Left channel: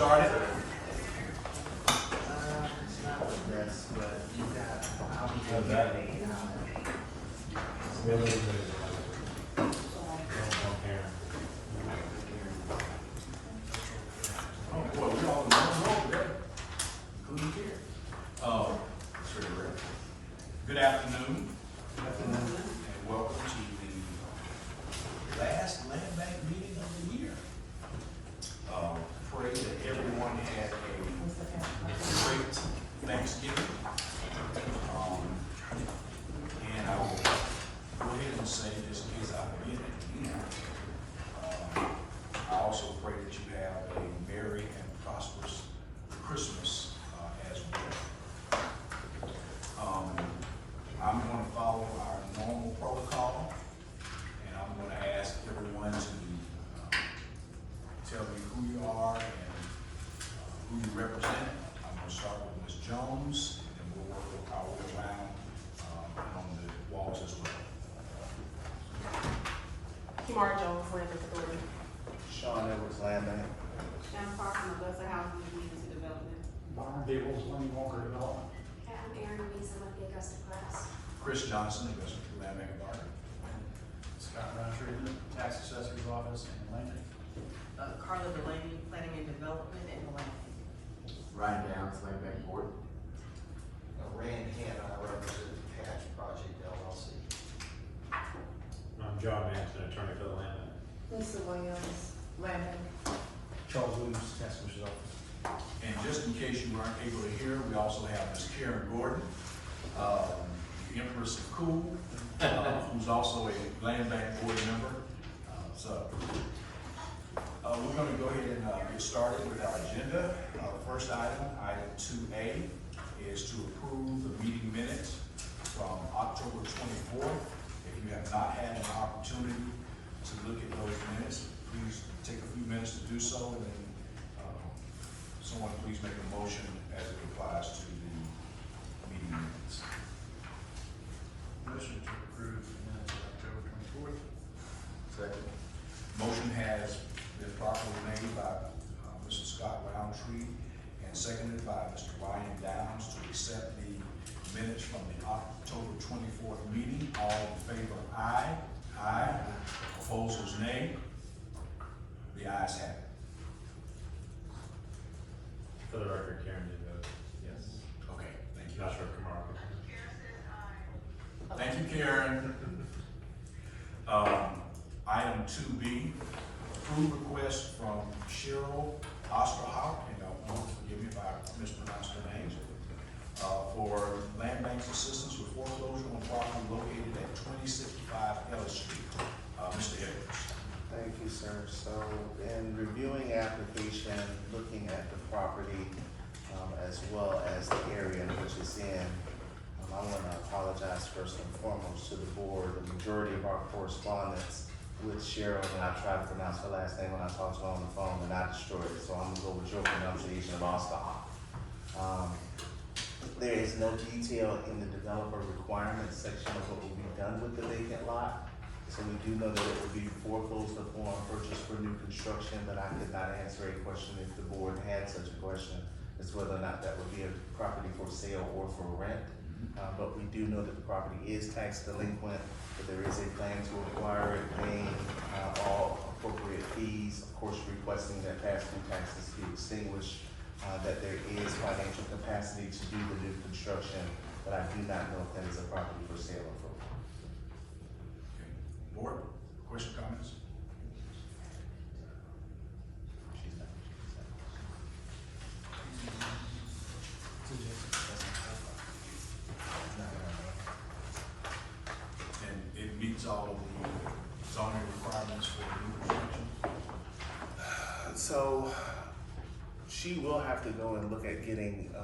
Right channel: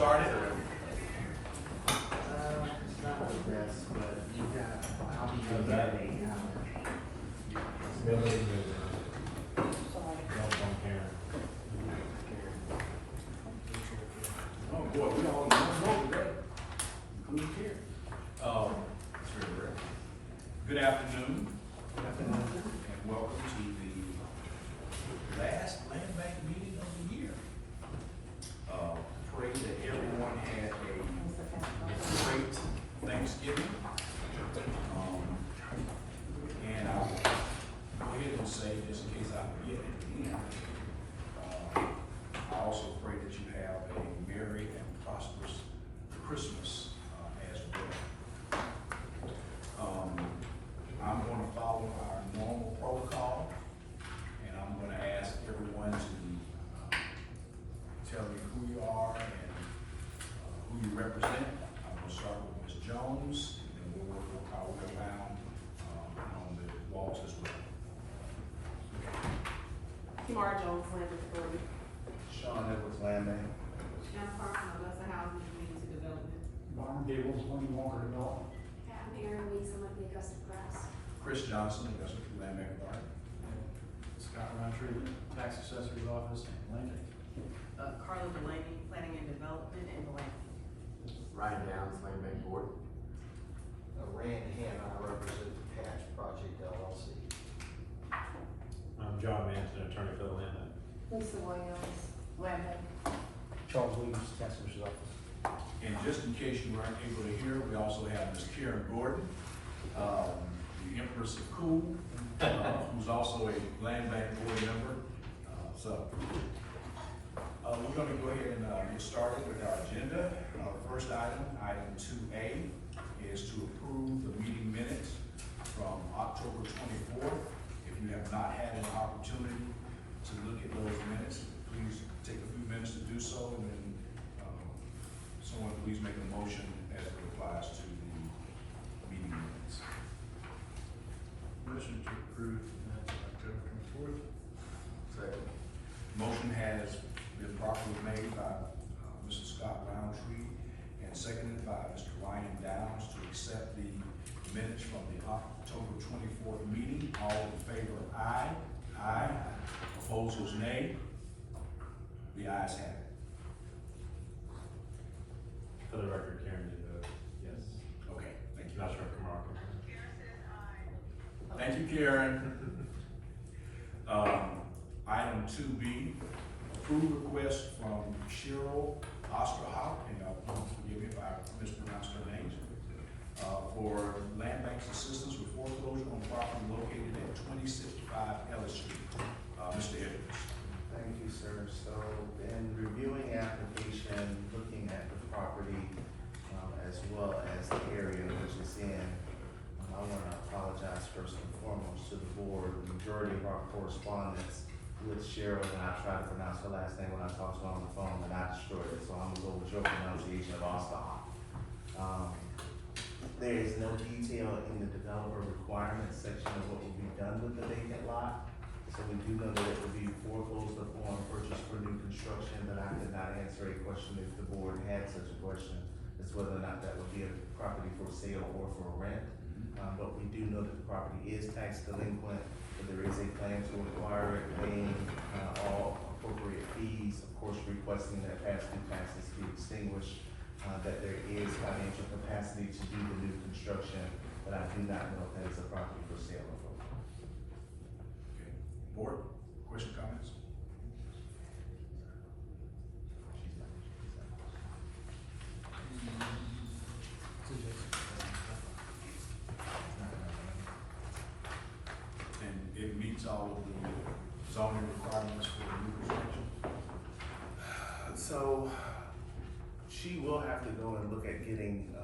started? It's not with this, but you got, I'll be How's that? Ability to don't care. Oh, boy, we all in one row today. Including here. Sir, Rick. Good afternoon. And welcome to the last land bank meeting of the year. Pray that everyone had a great Thanksgiving. And I will go ahead and say, just in case I forget it again, I also pray that you have a merry and prosperous Christmas as well. I'm going to follow our normal protocol, and I'm going to ask everyone to tell me who you are and who you represent. I'm going to start with Ms. Jones, and then we'll work our way around on the walls as well. Kimar Jones, Land Authority. Sean Edwards, Land Bank. Jennifer from Augusta Housing and Community Development. Byron Gables, Lane Walker Development. I'm Aaron Mason with the Augusta Press. Chris Johnson, Augusta Land Bank Authority. Scott Roundtree, Tax Assessor's Office and Land Bank. Carla Delaney, Planning and Development and Blank. Ryan Downs, Land Bank Board. Randy Hammond, I represent Patch Project LLC. I'm John Manson, attorney for the land bank. Lisa Williams, Land Bank. Charles Williams, Tax Assessor's Office. And just in case you weren't able to hear, we also have Ms. Karen Gordon, the Empress of Cool, who's also a land bank board member. We're gonna go ahead and get started with our agenda. First item 2A, is to approve the meeting minutes from October 24th. If you have not had an opportunity to look at those minutes, please take a few minutes to do so, and then someone please make a motion as it applies to the meeting minutes. Motion to approve minutes of October 24th. Second. Motion has been properly made by Mr. Scott Roundtree and seconded by Mr. Ryan Downs to accept the minutes from the October 24th meeting. All in favor, aye. Aye. Opposers, nay. The ayes have it. For the record, Karen did vote yes. Okay, thank you. Not sure if Kamara. Thank you, Karen. Item 2B, approve request from Cheryl Osterhoff, and forgive me if I mispronounced her name, for land bank's assistance with foreclosure on property located at 2065 Ellis Street. Mr. Edwards. Thank you, sir. So in reviewing the application, looking at the property, as well as the area in which it's in, I want to apologize first and foremost to the board. The majority of our correspondence with Cheryl, and I try to pronounce her last name when I talk to her on the phone, and not destroy it, so I'm gonna go with your pronunciation of Osterhoff. There is no detail in the developer requirements section of what will be done with the vacant lot. So we do know that it will be foreclosed upon purchase for new construction, but I could not answer a question if the board had such a question, as whether or not that would be a property for sale or for rent. But we do know that the property is tax delinquent, that there is a plan to acquire it, paying all appropriate fees, of course requesting that past due taxes be extinguished, that there is financial capacity to do the new construction, but I do not know if that is a property for sale or for rent. Okay. Board, question, comments? And it meets all of the zoning requirements for new construction? So, she will have to go and look at getting,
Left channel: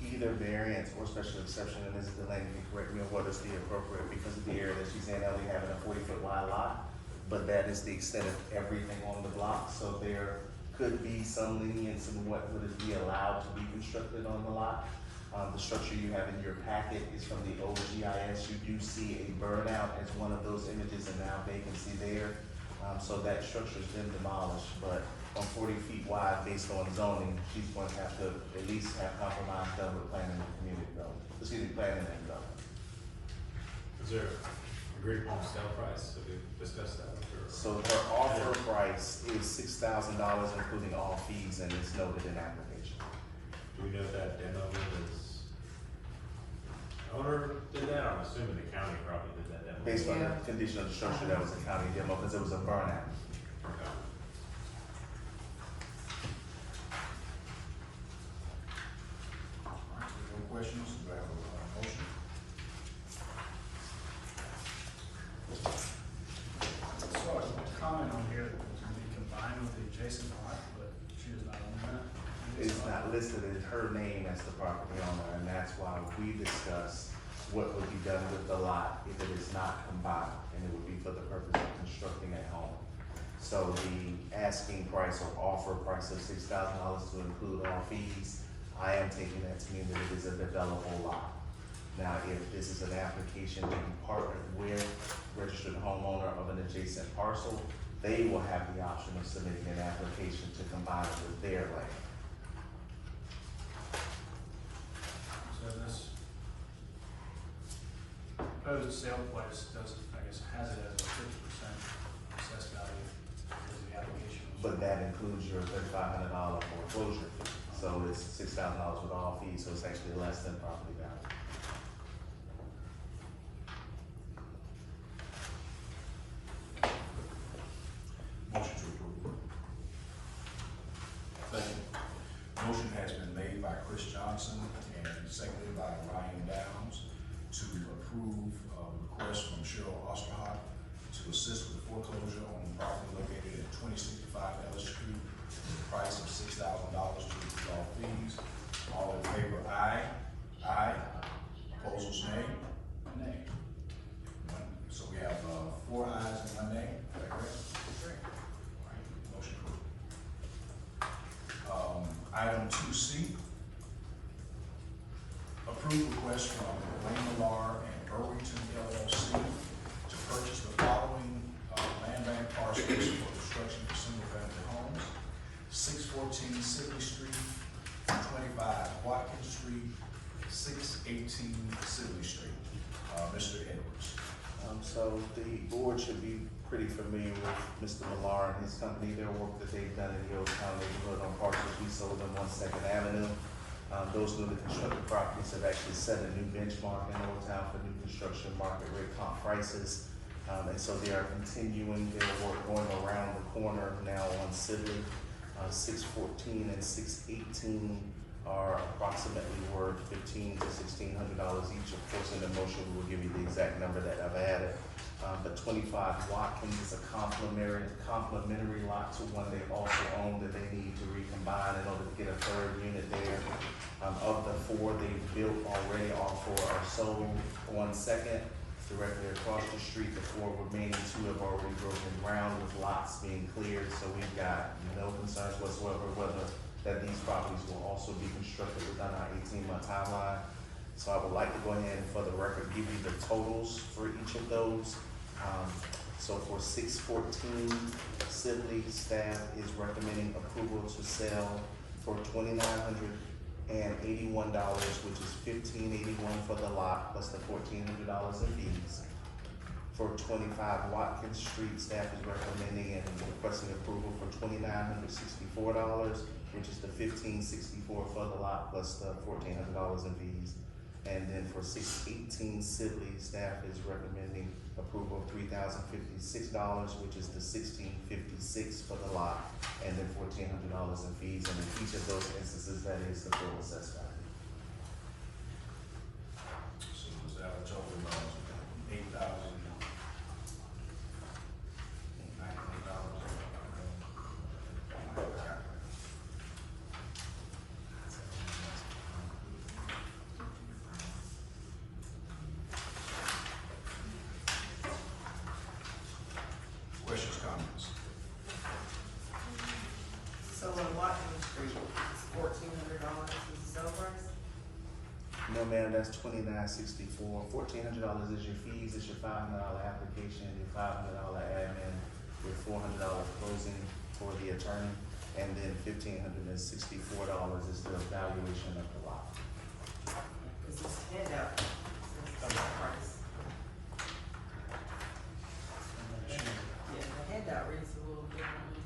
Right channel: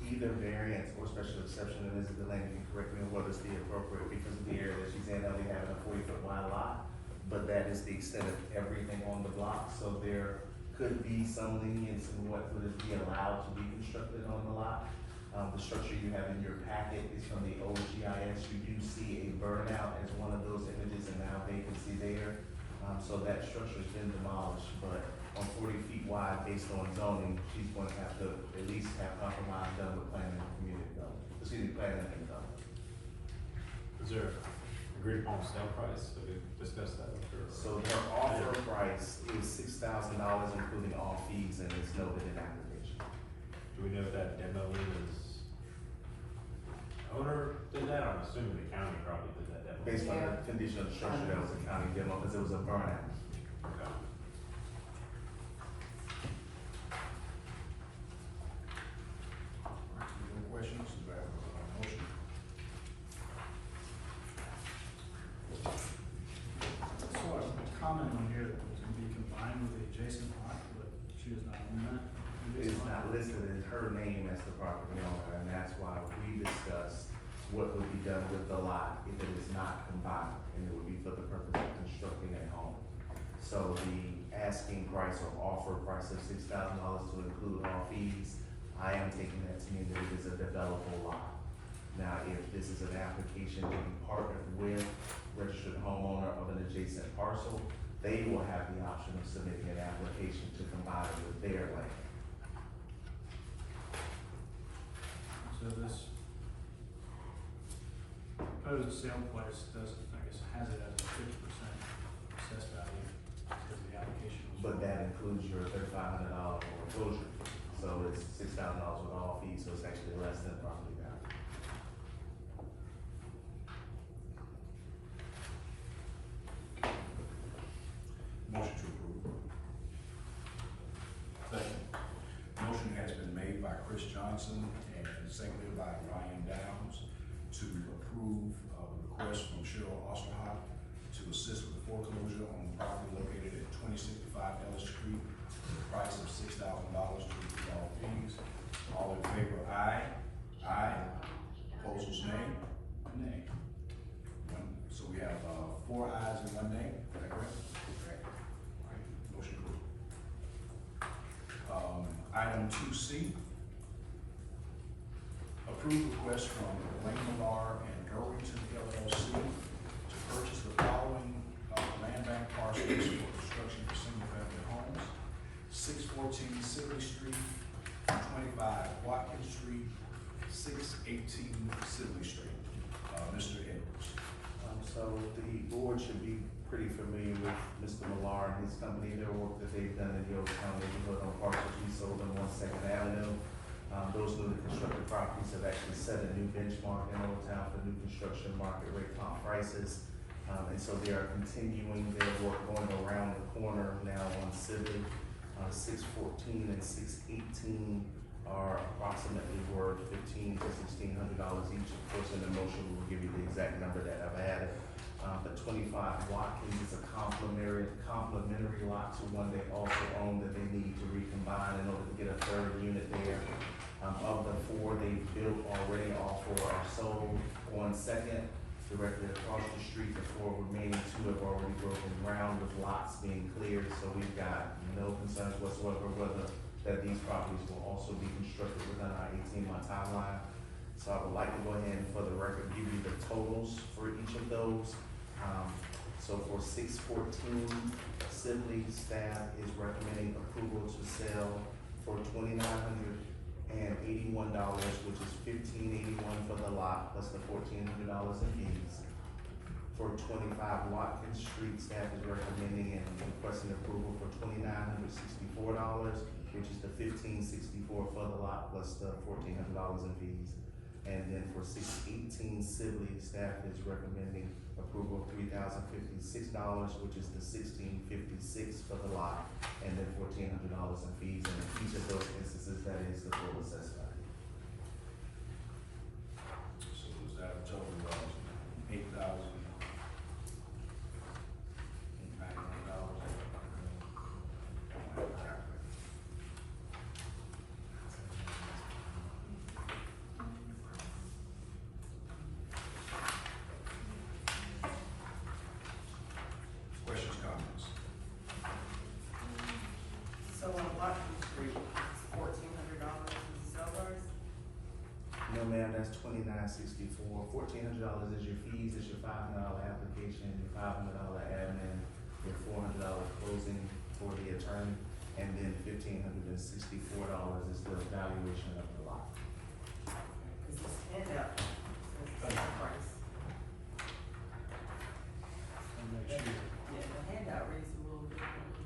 either variance or special exception, and Mrs. Delaney can correct me on what is the appropriate, because of the area that she's in, only having a 40-foot wide lot, but that is the extent of everything on the block, so there could be some lenience in what would be allowed to be constructed on the lot. The structure you have in your packet is from the old GIS. You do see a burnout as one of those images and now vacancy there. So that structure's been demolished, but on 40 feet wide based on zoning, she's going to have to at least have compromise done with planning and community development, planning and development. Is there agreed upon sale price? Have we discussed that? Or? So her offer price is $6,000, including all fees, and it's noted in the application. Do we know if that demo is, owner did that? I'm assuming the county probably did that demo. Based on Yeah. the condition of the structure, that was a county demo, because it was a burnout. Okay. Any questions? Do I have a motion? Saw a comment on here that it was gonna be combined with the adjacent lot, but she is not on that. It's not listed in her name as the property owner, and that's why we discussed what would be done with the lot if it is not combined, and it would be for the purpose of constructing a home. So the asking price or offer price of $6,000 to include all fees, I am taking that to mean that it is a developable lot. Now, if this is an application to be partnered with registered homeowner of an adjacent parcel, they will have the option of submitting an application to combine it with their land. So this proposed sale price does, I guess, has it as a 50% assessed value, because the application was. But that includes your $3,500 foreclosure fee, so it's $6,000 with all fees, so it's actually less than property value. Motion to approve. Second. Motion has been made by Chris Johnson and seconded by Ryan Downs to approve a request from Cheryl Osterhock to assist with foreclosure on property located at 2065 Ellis Street at the price of $6,000 to include all fees. All in favor, aye. Aye. Opposers, nay. Nay. So we have, 4 ayes and 1 nay, is that correct? All right, motion approved. Item 2C, approve request from Wayne Millar and Irwington LLC to purchase the following, land bank parcels for construction for single-family homes: 614 Sibley Street, 25 Watkins Street, 618 Sibley Street. Mr. Edwards. So the board should be pretty familiar with Mr. Millar and his company, their work that they've done in Hilltown neighborhood on parcels we sold on 1 Avenue. Those newly constructed properties have actually set a new benchmark in Old Town for new construction market rate comp prices. And so they are continuing their work going around the corner now on Sibley. 614 and 618 are approximately worth $1,500 to $1,600 each. Of course, in the motion, we'll give you the exact number that I've added. The 25 Watkins is a complementary lot to one they also own that they need to recombine in order to get a third unit there. Of the 4 they built already, all 4 are sold. On second, directly across the street, the 4 remaining 2 have already broken ground with lots being cleared, so we've got no concerns whatsoever whether that these properties will also be constructed within our 18-month timeline. So I would like to go ahead and, for the record, give you the totals for each of those. So for 614, Sibley staff is recommending approval to sell for $2,981, which is $1,581 for the lot plus the $1,400 in fees. For 25 Watkins Street, staff is recommending and requesting approval for $2,964, which is the $1,564 for the lot plus the $1,400 in fees. And then for 618 Sibley, staff is recommending approval of $3,056, which is the $1,656 for the lot, and then $1,400 in fees. And in each of those instances, that is the full assessed value. So is that a total of $8,091? Questions, comments? So on Watkins Street, it's $1,400 is the sale price? No, ma'am, that's $2,964. $1,400 is your fees, it's your $500 application, your $500 admin, your $400 closing for the attorney. and then $1,564 is the valuation of the lot. Cause this handout says the price. Yeah, the handout reads a little differently.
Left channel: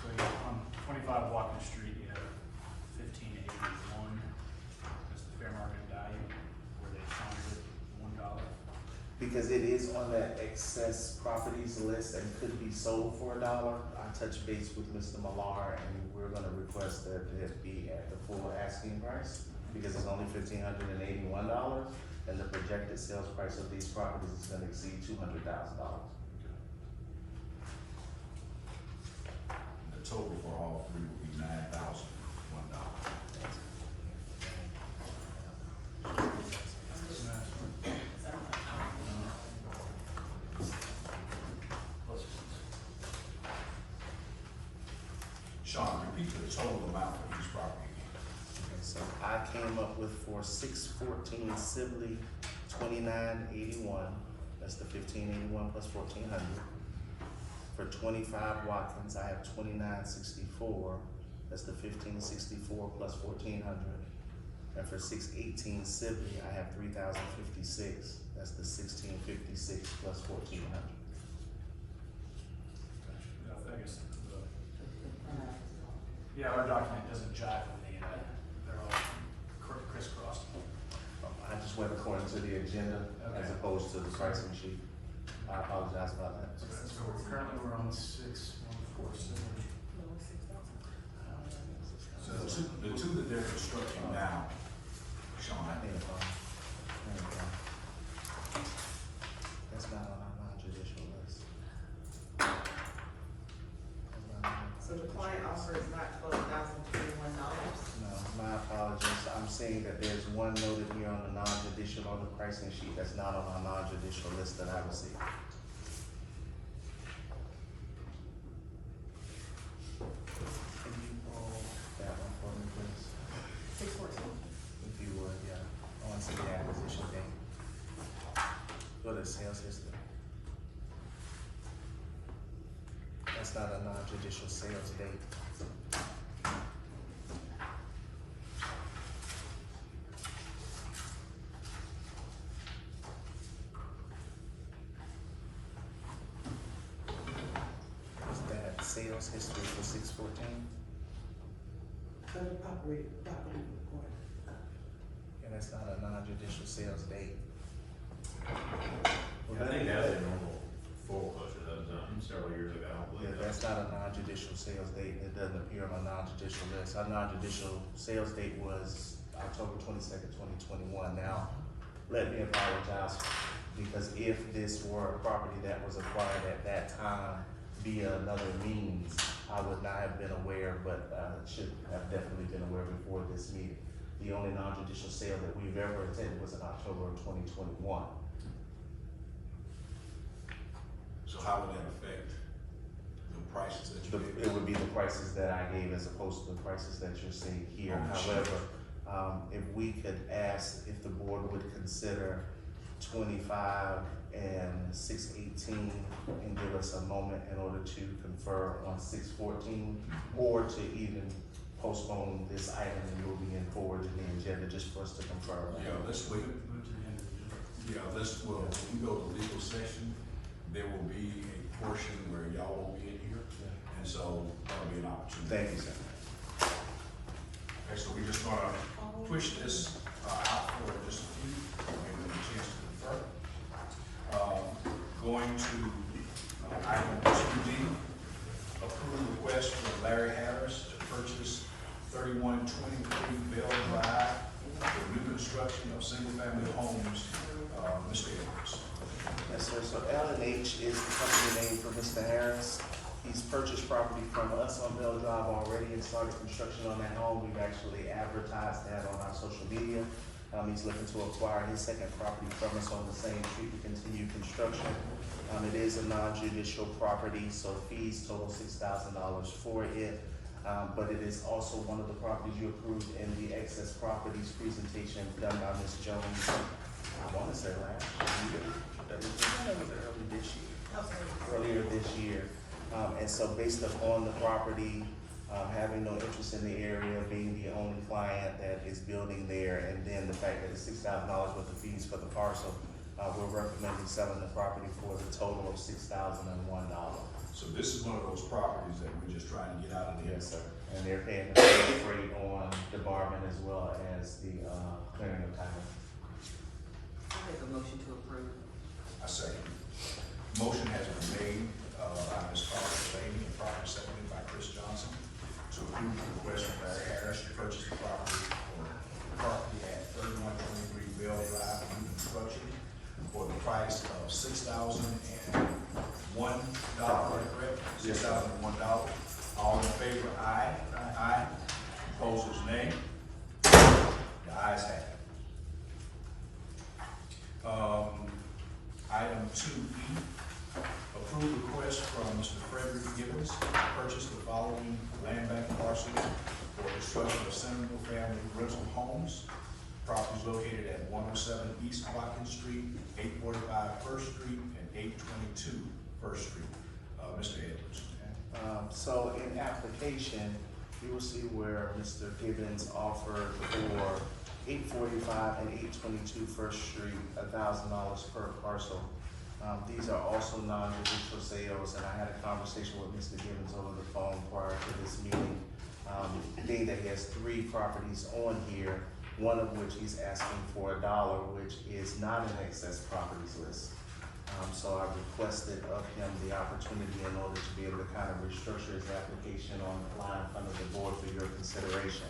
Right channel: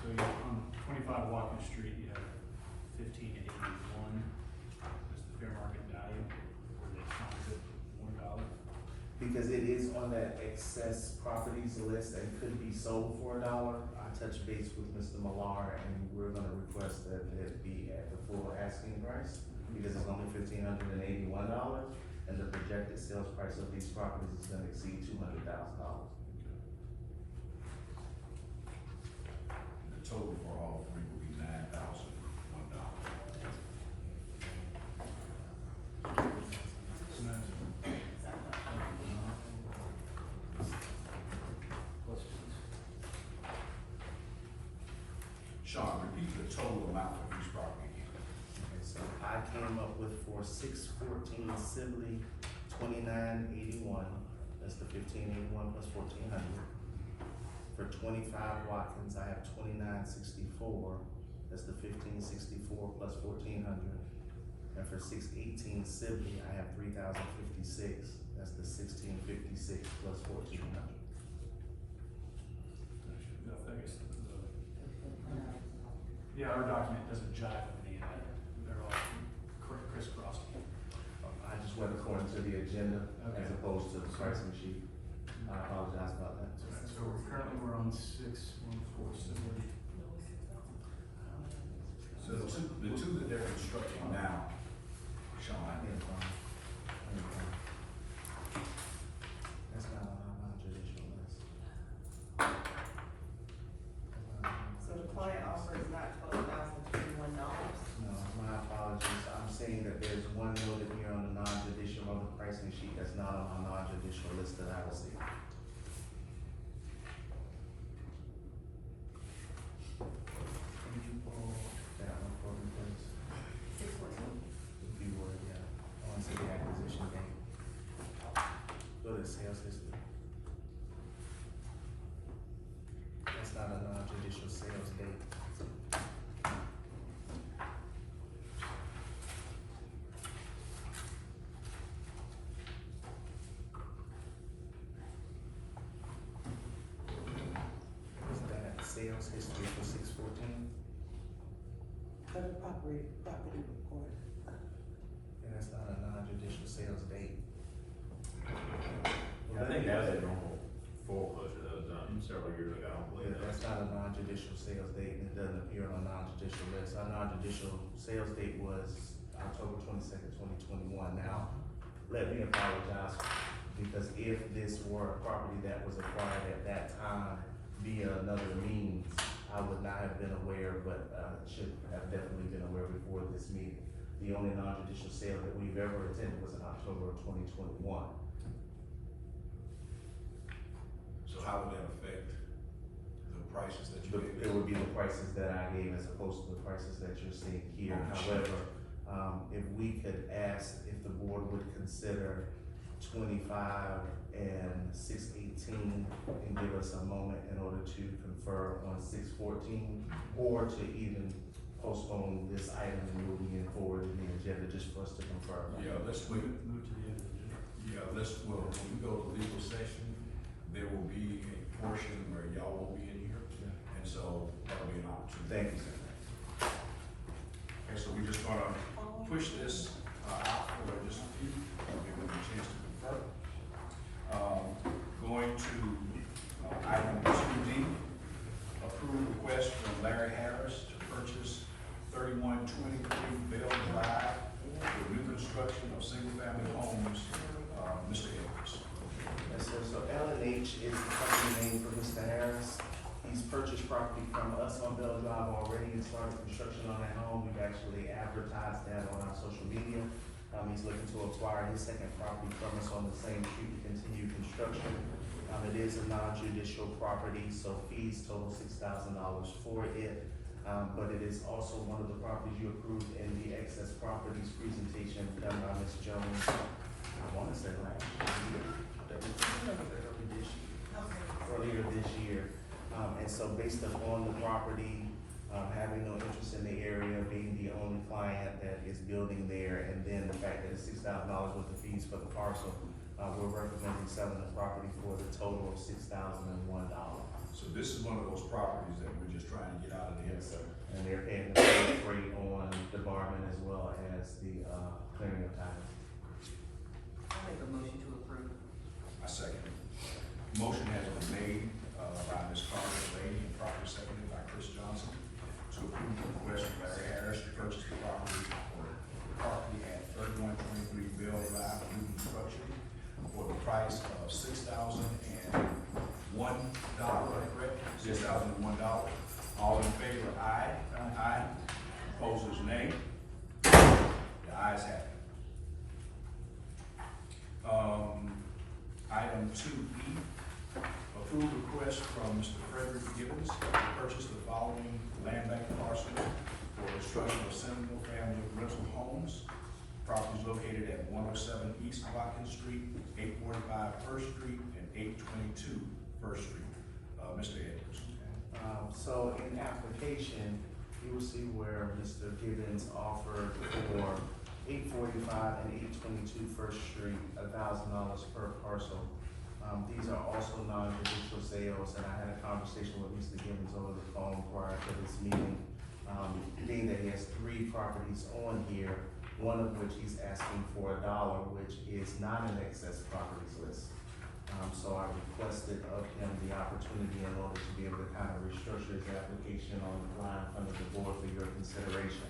So you, on 25 Watkins Street, you have 1581 as the fair market value, where they counted it $1. Because it is on that excess properties list and could be sold for $1, I touched base with Mr. Millar and we're gonna request that it be at the full asking price, because it's only $1,581, and the projected sales price of these properties is gonna exceed $200,000. The total for all three will be $9,001. Sean, repeat the total amount for each property again. Okay, so I came up with for 614 Sibley, 2981, that's the 1581 plus 1400. For 25 Watkins, I have 2964, that's the 1564 plus 1400. And for 618 Sibley, I have 3056, that's the 1656 plus 1400. I guess, yeah, our document doesn't jive with any of that, they're all crisscrossed. I just went according to the agenda as Okay. opposed to the pricing sheet. I apologize about that. So currently we're on 614 Sibley. So the two that they're constructing now, Sean, That's not on our non-judicial list. So the client offer is not $12,021. No, my apologies. I'm saying that there's one noted here on the non-judicial on the pricing sheet that's not on our non-judicial list that I received. Can you pull that one for me, please? 614. If you would, yeah. I want to see the acquisition date. Go to sales history. That's not a non-judicial sales date. Is that sales history for 614? Under property report. And that's not a non-judicial sales date. I think that's a normal foreclosure that was done several years ago. Yeah, that's not a non-judicial sales date, and it doesn't appear on a non-judicial list. Our non-judicial sales date was October 22nd, 2021. Now, let me apologize, because if this were a property that was acquired at that time via another means, I would not have been aware, but I should have definitely been aware before this meeting. The only non-judicial sale that we've ever attended was in October of 2021. so how would that affect the prices that you It gave? would be the prices that I gave as opposed to the prices that you're seeing here. Oh, sure. However, if we could ask if the board would consider 25 and 618 and give us a moment in order to confer on 614, or to even postpone this item and moving it forward in the agenda just for us to confirm. Yeah, let's wait. Move to the end of the agenda. Yeah, when we go to legal session, there will be a portion where y'all will be in here, and so that'll be an opportunity. Thank you, sir. Okay, so we're just gonna push this out for just a few, give them a chance to confer. Going to item 2D, approve request from Larry Harris to purchase 3123 Bell Drive for new construction of single-family homes. Mr. Edwards. Yes, sir. So L&H is the company name for Mr. Harris. He's purchased property from us on Bell Drive already and started construction on that home. We've actually advertised that on our social media. He's looking to acquire his second property from us on the same street to continue construction. It is a non-judicial property, so fees total $6,000 for it. But it is also one of the properties you approved in the excess properties presentation done by Ms. Jones. I want to say last year, earlier this year. And so based upon the property, having no interest in the area, being the only client that is building there, and then the fact that it's $6,000 worth of fees for the parcel, we're recommending selling the property for the total of $6,001. So this is one of those properties that we're just trying to get out of there. Yes, sir. And they're paying the same rate on the bargain as well as the, clearing of title. I make a motion to approve. I second. Motion has been made, by Ms. Carter Lady and properly seconded by Chris Johnson to approve the request of Larry Harris to purchase the property at 3123 Bell Drive, new construction, for the price of $6,001, correct? $6,001. All in favor, aye. Aye. Opposers, nay. The ayes have it. Item 2E, approve request from Mr. Frederick Gibbons to purchase the following land bank parcels for construction of single family rental homes. Properties located at 107 East Watkins Street, 845 First Street, and 822 First Street. Mr. Edwards. So in application, you will see where Mr. Gibbons offered for 845 and 822 First Street, $1,000 per parcel. These are also non-judicial sales, and I had a conversation with Mr. Gibbons over the phone prior to this meeting. Being that he has 3 properties on here, one of which he's asking for $1, which is not an excess properties list. So I requested of him the opportunity in order to be able to kind of restructure his application on the line in front of the board for your consideration.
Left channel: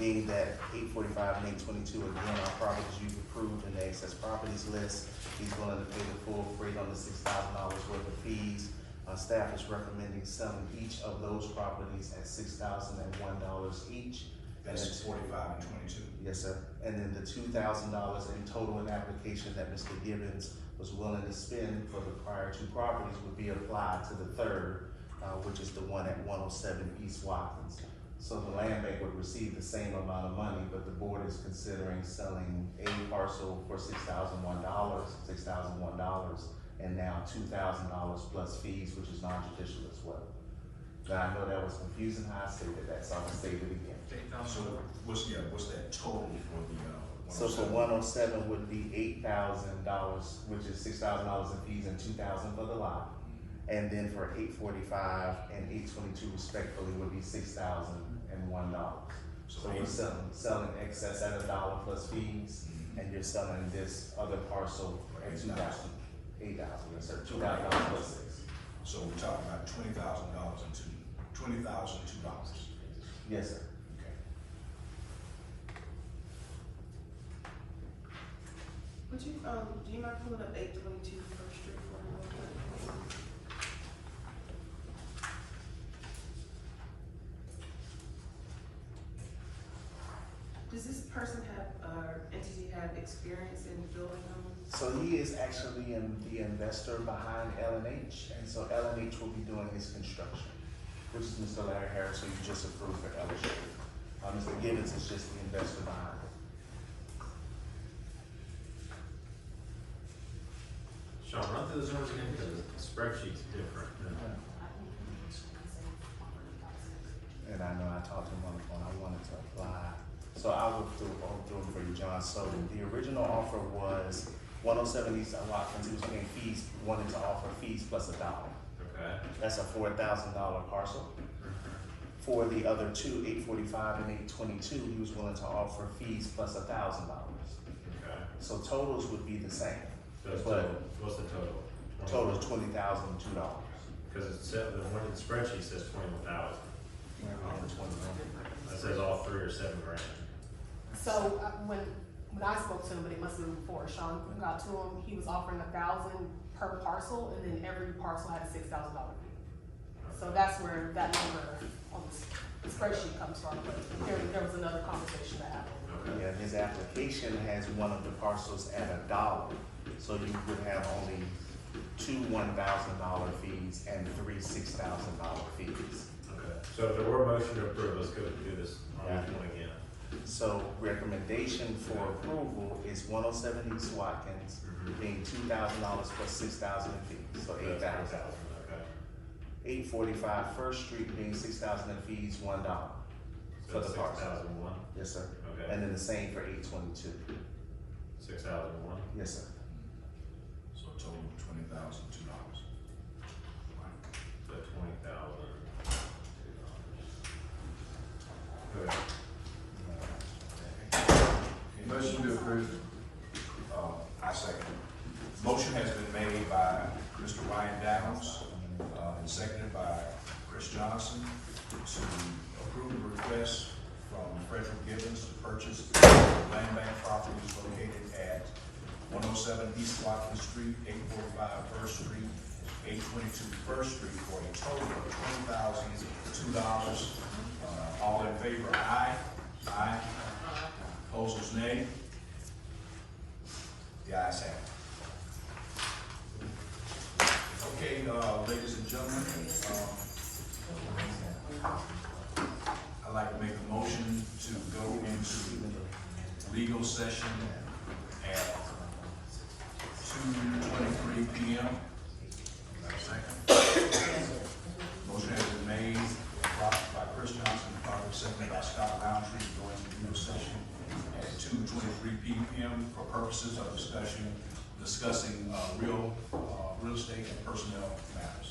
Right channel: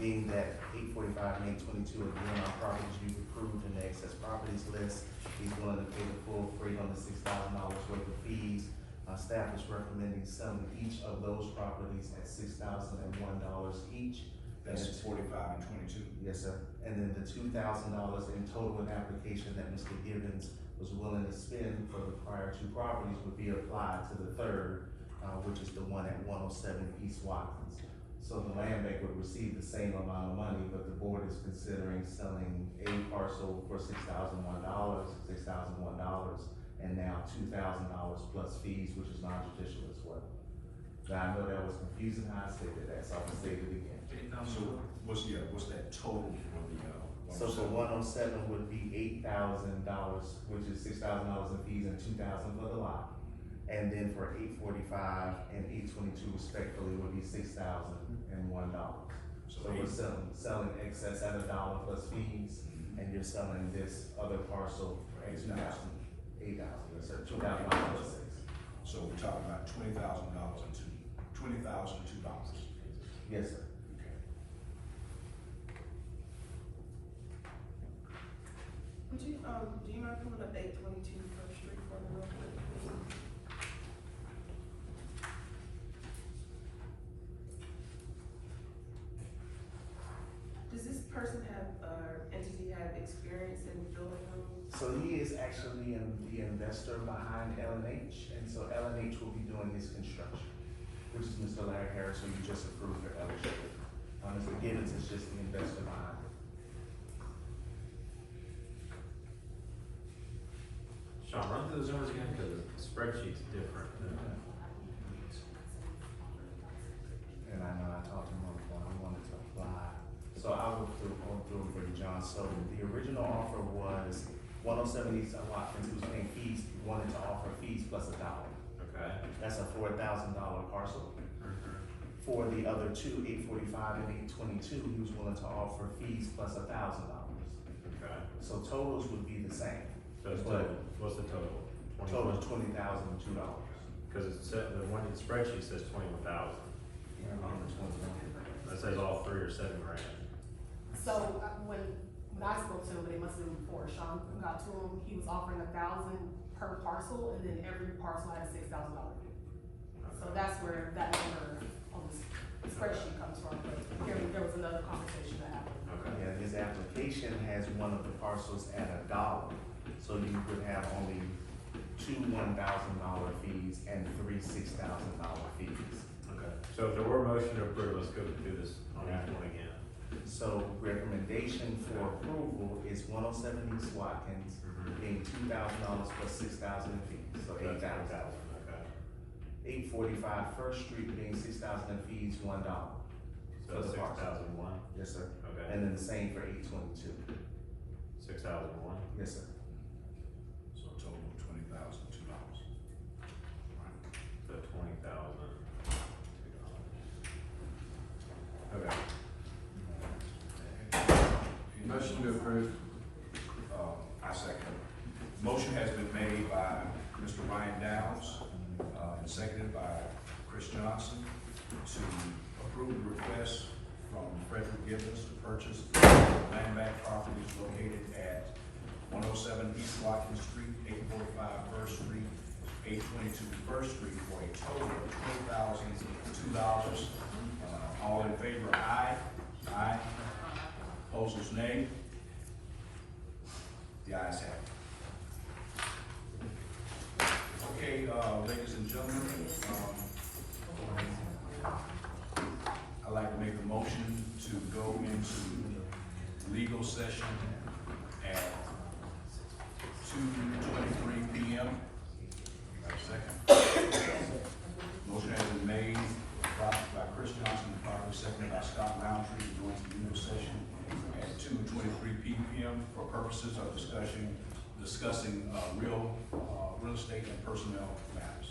Being that 845 and 822, again, are properties you've approved in the excess properties list, he's willing to pay the full freight on the $6,000 worth of fees. Staff is recommending selling each of those properties at $6,001 each. That's 45 and 22. Yes, sir. And then the $2,000 in total in application that Mr. Gibbons was willing to spend for the prior 2 properties would be applied to the third, which is the one at 107 East Watkins. So the land bank would receive the same amount of money, but the board is considering selling a parcel for $6,001, and now $2,000 plus fees, which is non-judicial as well. Now, I know that was confusing how I stated that, so I'll state it again. So what's that total for the, So for 107 would be $8,000, which is $6,000 in fees and $2,000 for the lot. And then for 845 and 822 respectfully would be $6,001. So we're selling excess at $1 plus fees, and you're selling this other parcel at $2,000, yes sir, $2,000 plus 6. So we're talking about $20,000 and $20,002. Yes sir. Okay. Would you, do you mind pulling up 822 First Street for me real quick? Does this person have, entity have experience in building homes? So he is actually the investor behind L&H, and so L&H will be doing his construction, which is Mr. Larry Harris, who you just approved for L&H. Mr. Gibbons is just the investor behind it. Sean, run through those numbers again, because the spreadsheet's different. And I know I talked to him on the phone, I wanted to apply. So I will do them for you, John. So the original offer was 107 East Watkins, he was paying fees, wanted to offer fees plus $1. Okay. That's a $4,000 parcel. For the other 2, 845 and 822, he was willing to offer fees plus $1,000. Okay. So totals would be the same. So it's But total, what's the total? total is $20,002. Because it said, the one in the spreadsheet says 21,000. That says all 3 or 7 grand. So when I spoke to him, but it must have been before Sean got to him, he was offering $1,000 per parcel, and then every parcel had a $6,000 fee. So that's where that number on the spreadsheet comes from. There was another conversation that happened. Okay. Yeah, his application has one of the parcels at $1, so you would have only 2 $1,000 fees and 3 $6,000 fees. Okay. So if there were a motion to approve, let's go through this on Yeah. each one again. So recommendation for approval is 107 East Watkins, being $2,000 plus 6,000 in fees, so $8,000. Okay. 845 First Street being $6,000 in fees, $1 for the parcel. 6,001, Yes, sir. okay, And then the same for 822. 6,001, Yes, sir. So a total of $20,002. but 20,000. Okay. Motion to approve. I second. Motion has been made by Mr. Ryan Downs, and seconded by Chris Johnson to approve the request from Frederick Gibbons to purchase the land bank properties located at 107 East Watkins Street, 845 First Street, 822 First Street for a total of $20,002. All in favor, aye. Aye. Opposers, nay. The ayes have it. Okay, ladies and gentlemen, I'd like to make a motion to go into legal session at 2:23 p.m. Second. Motion has been made by Chris Johnson, and properly seconded by Scott Roundtree, to go into legal session at 2:23 p.m. for purposes of discussing real estate and personnel matters.